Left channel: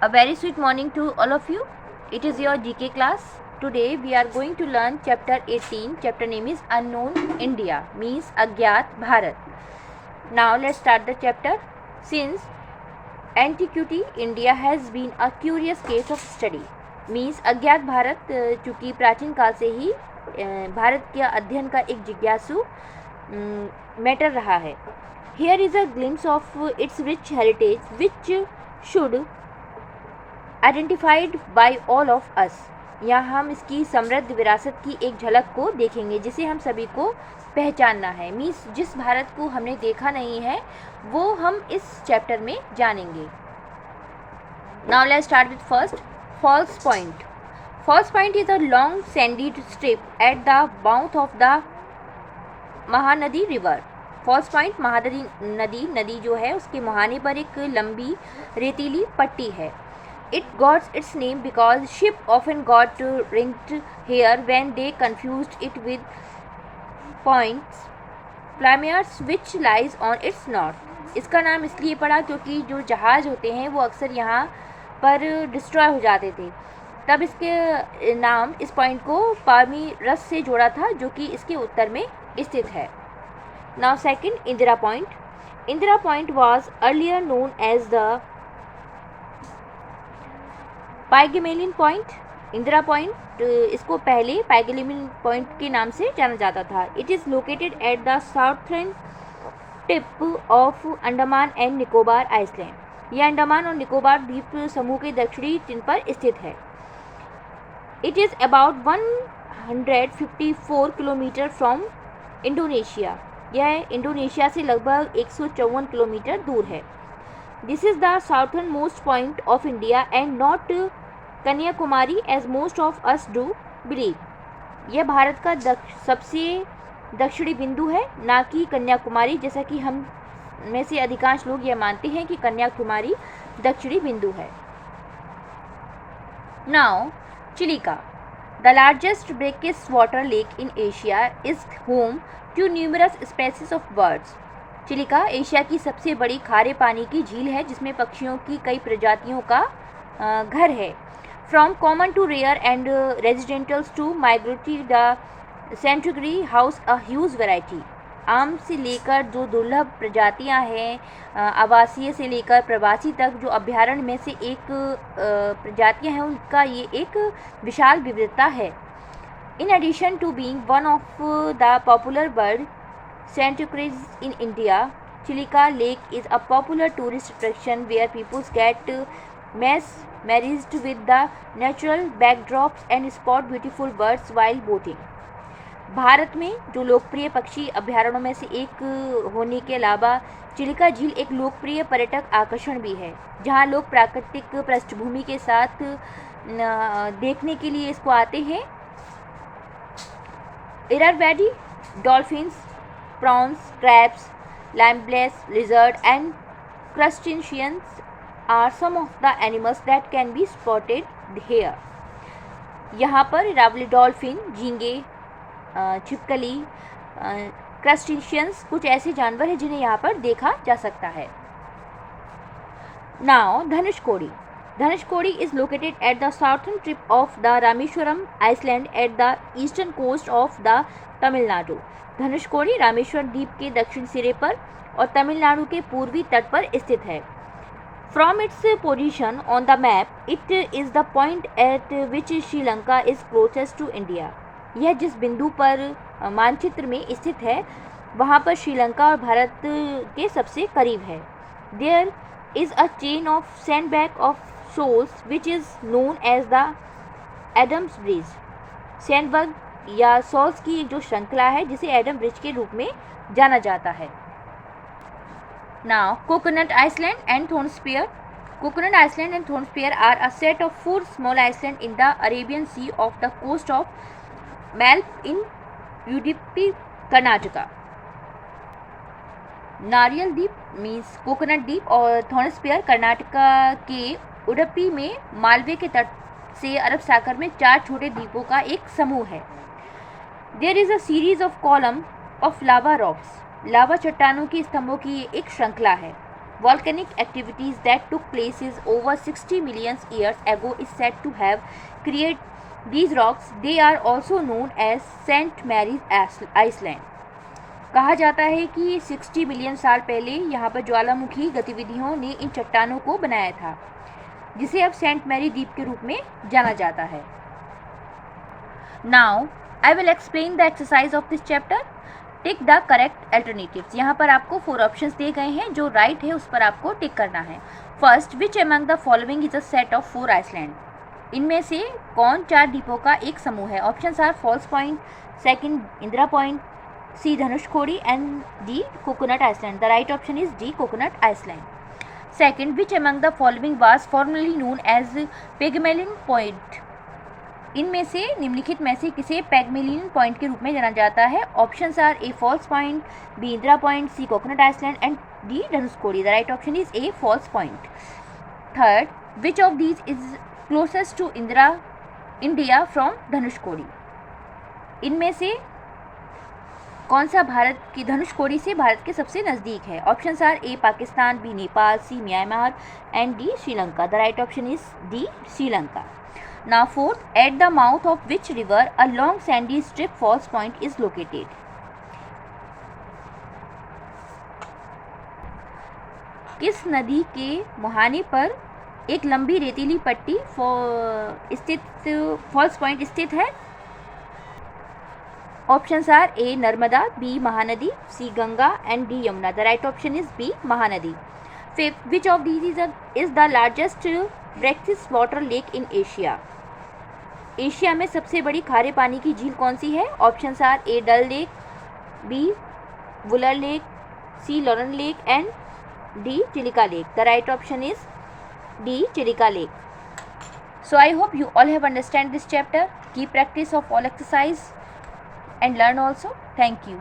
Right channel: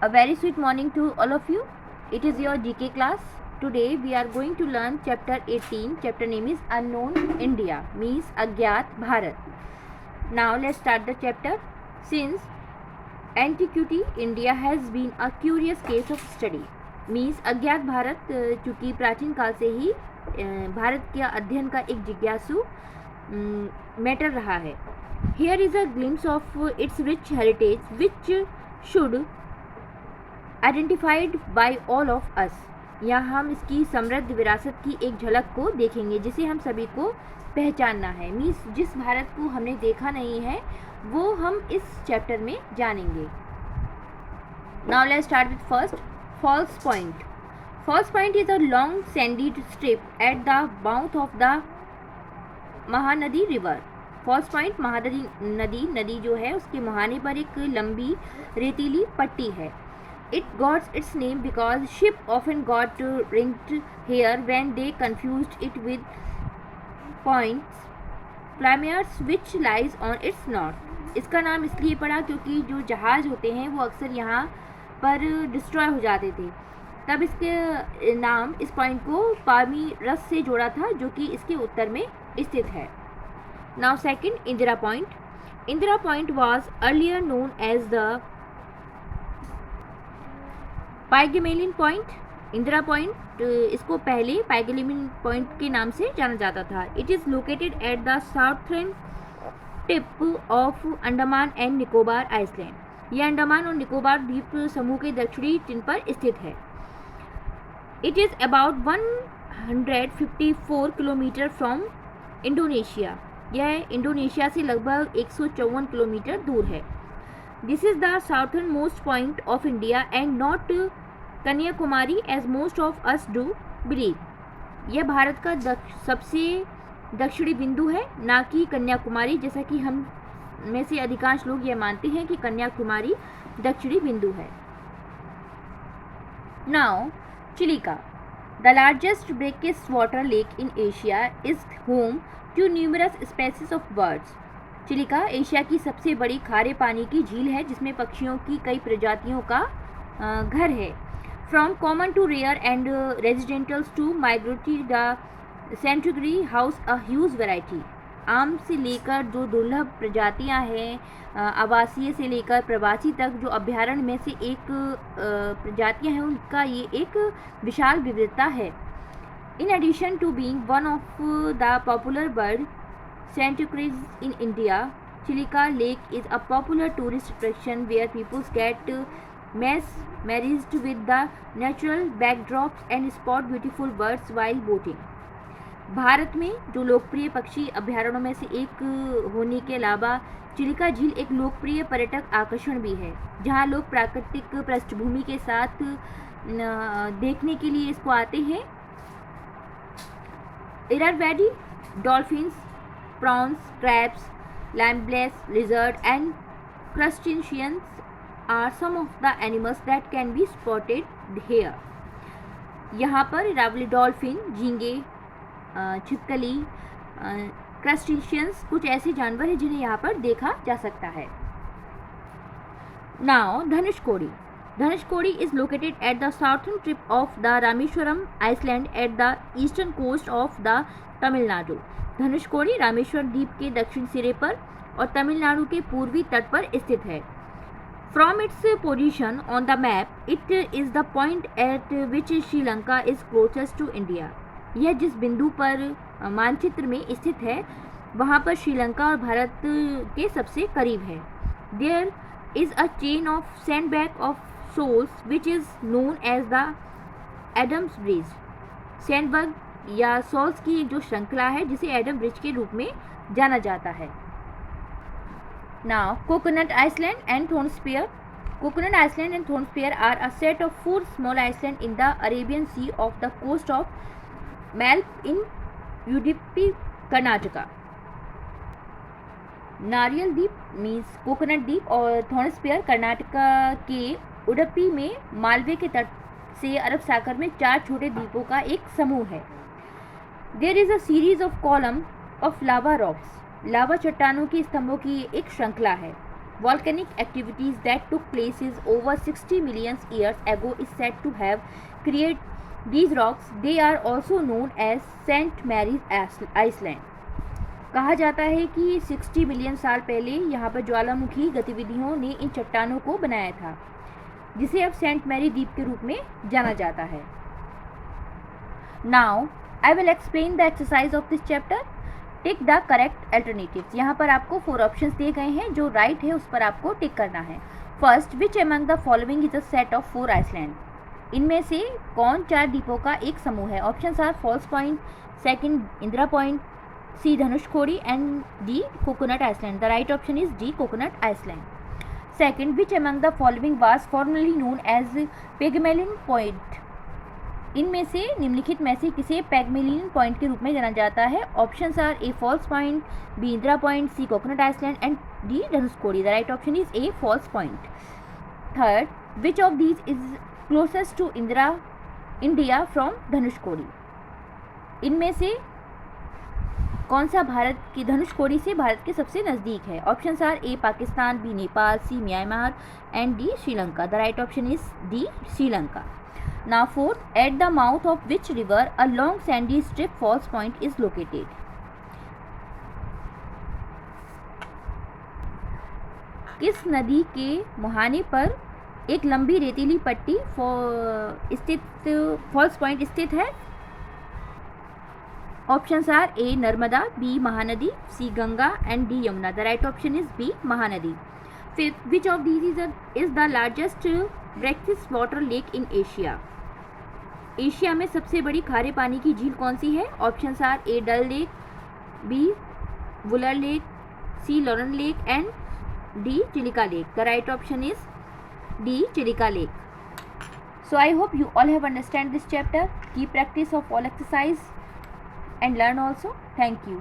A very sweet morning to all of you. It is your GK class. Today we are going to learn chapter 18. Chapter name is Unknown India, means Agyat Bharat. Now let's start the chapter. Since antiquity, India has been a curious case of study. Means अज्ञात भारत चूँकि प्राचीन काल से ही भारत के अध्ययन का एक जिज्ञासु मैटर रहा है. Here is a glimpse of its rich heritage which should identified by all of us. यहाँ हम इसकी समृद्ध विरासत की एक झलक को देखेंगे जिसे हम सभी को पहचानना है. मीन्स जिस भारत को हमने देखा नहीं है वो हम इस चैप्टर में जानेंगे. Now let's start with first, false point. False point is a long sandy strip at the mouth of the Mahanadi river. False point Mahanadi नदी जो है उसके मुहाने पर एक लंबी रेतीली पट्टी है. It got its name because ship often got linked here when they confused it with Plymouth which lies on its north. इसका नाम इसलिए पड़ा क्योंकि जो जहाज होते हैं वो अक्सर यहाँ पर डिस्ट्रॉय हो जाते थे. तब इसके नाम इस पॉइंट को पामीरस से जोड़ा था जो कि इसके उत्तर में स्थित है. Now second, Indira point. Indira point was earlier known as the Pygmalion point. Indira point इसको पहले पाइगमेलियन पॉइंट के नाम से जाना जाता था. It is located at the southern tip of Andaman and Nicobar island. यह अंडमान और निकोबार द्वीप समूह के दक्षिणी तट पर स्थित है. It is about 154 kilometre from Indonesia. यह इंडोनेशिया से लगभग 154 किलोमीटर दूर है. This is the southernmost point of India and not Kanyakumari as most of us do believe. यह भारत का सबसे दक्षिणी बिंदु है, ना कि कन्याकुमारी, जैसा कि हम में से अधिकांश लोग यह मानते हैं कि कन्याकुमारी दक्षिणी बिंदु है. Now, Chilika. The largest brackish water lake in Asia is home to numerous species of birds. Chilika Asia की सबसे बड़ी खारे पानी की झील है जिसमें पक्षियों की कई प्रजातियों का घर है. From common to rare and residentials to migratory the sanctuary house a huge variety. आम से लेकर जो दुर्लभ प्रजातियां हैं, आवासीय से लेकर प्रवासी तक, जो अभ्यारण्य में से एक प्रजातियां हैं उनका ये एक विशाल विविधता है. In addition to being one of the popular bird sanctuaries in India, Chilika Lake is a popular tourist attraction where people get mesmerized with the natural backdrops and spot beautiful birds while boating. Bharat में जो लोकप्रिय पक्षी अभ्यारण्यों में से एक होने के अलावा चिलिका झील एक लोकप्रिय पर्यटक आकर्षण भी है जहां लोग प्राकृतिक पृष्ठभूमि के साथ देखने के लिए इसको आते हैं. इररवैडी dolphins, prawns, crabs, lampreys, lizard and crustaceans are some of the animals that can be spotted here. यहाँ पर इरावली डॉल्फिन, झींगे, छिपकली, क्रस्टेशियंस कुछ ऐसे जानवर हैं जिन्हें यहाँ पर देखा जा सकता है. Now Dhanushkodi. Dhanushkodi is located at the southern tip of the Rameshwaram Island at the eastern coast of the Tamil Nadu. Dhanushkodi Rameshwar द्वीप के दक्षिण सिरे पर और तमिलनाडु के पूर्वी तट पर स्थित है. From its position on the map it is the point at which Sri Lanka is closest to India. यह जिस बिंदु पर मानचित्र में स्थित है वहाँ पर श्रीलंका और भारत के सबसे करीब है. There is a chain of sandbag of shoals which is known as the Adam's bridge. Sandbag या सॉल्स की जो श्रृंखला है जिसे एडम ब्रिज के रूप में जाना जाता है. Now coconut island and thornspear. Coconut island and thornspear are a set of 4 small island in the Arabian Sea off the coast of Malpe in Udupi Karnataka. नारियल द्वीप मीन्स कोकोनट द्वीप और थोर्नस्पियर कर्नाटका के उडुपी में मालवे के तट से अरब सागर में 4 छोटे द्वीपों का एक समूह है. There is a series of column of lava rocks. लावा चट्टानों की स्तंभों की एक श्रृंखला है. Volcanic activities that took places over 60 million years ago is said to have created these rocks. They are also known as St. Mary's Island. कहा जाता है कि 60 मिलियन साल पहले यहाँ पर ज्वालामुखी गतिविधियों ने इन चट्टानों को बनाया था, जिसे अब सेंट मैरी द्वीप के रूप में जाना जाता है. Now I will explain the exercise of this chapter. Tick the correct alternatives. यहाँ पर आपको 4 ऑप्शंस दिए गए हैं, जो राइट है उस पर आपको टिक करना है. First, which among the following is a set of 4 island. इनमें से कौन 4 द्वीपों का एक समूह है. Options are false point, second Indira point, C Dhanushkodi and D coconut island. The right option is D coconut island. Second, which among the following was formerly known as Pygmalion point. इनमें से निम्नलिखित में से किसे पैगमेलिन पॉइंट के रूप में जाना जाता है. Options are A false point, B Indira point, C coconut island and D Dhanushkodi. The right option is A false point. Third, which of these is closest to India from Dhanushkodi. इनमें से कौन सा भारत की धनुषकोडी से भारत के सबसे नज़दीक है. Options are A Pakistan, B Nepal, C Myanmar and D Sri Lanka. The right option is D Sri Lanka. Now fourth, at the mouth of which river a long sandy strip falls point is located. किस नदी के मुहाने पर एक लंबी रेतीली पट्टी स्थित फॉल्स पॉइंट स्थित है. Options are A Narmada, B Mahanadi, C Ganga and D Yamuna. The right option is B Mahanadi. Fifth, which of these is the largest brackish water lake in Asia. Asia में सबसे बड़ी खारे पानी की झील कौन सी है. Options are A Dal lake, B Wular lake, C Lonar lake and D Chilika lake. The right option is D Chilika lake. So I hope you all have understand this chapter. Keep practice of all exercise and learn also. Thank you.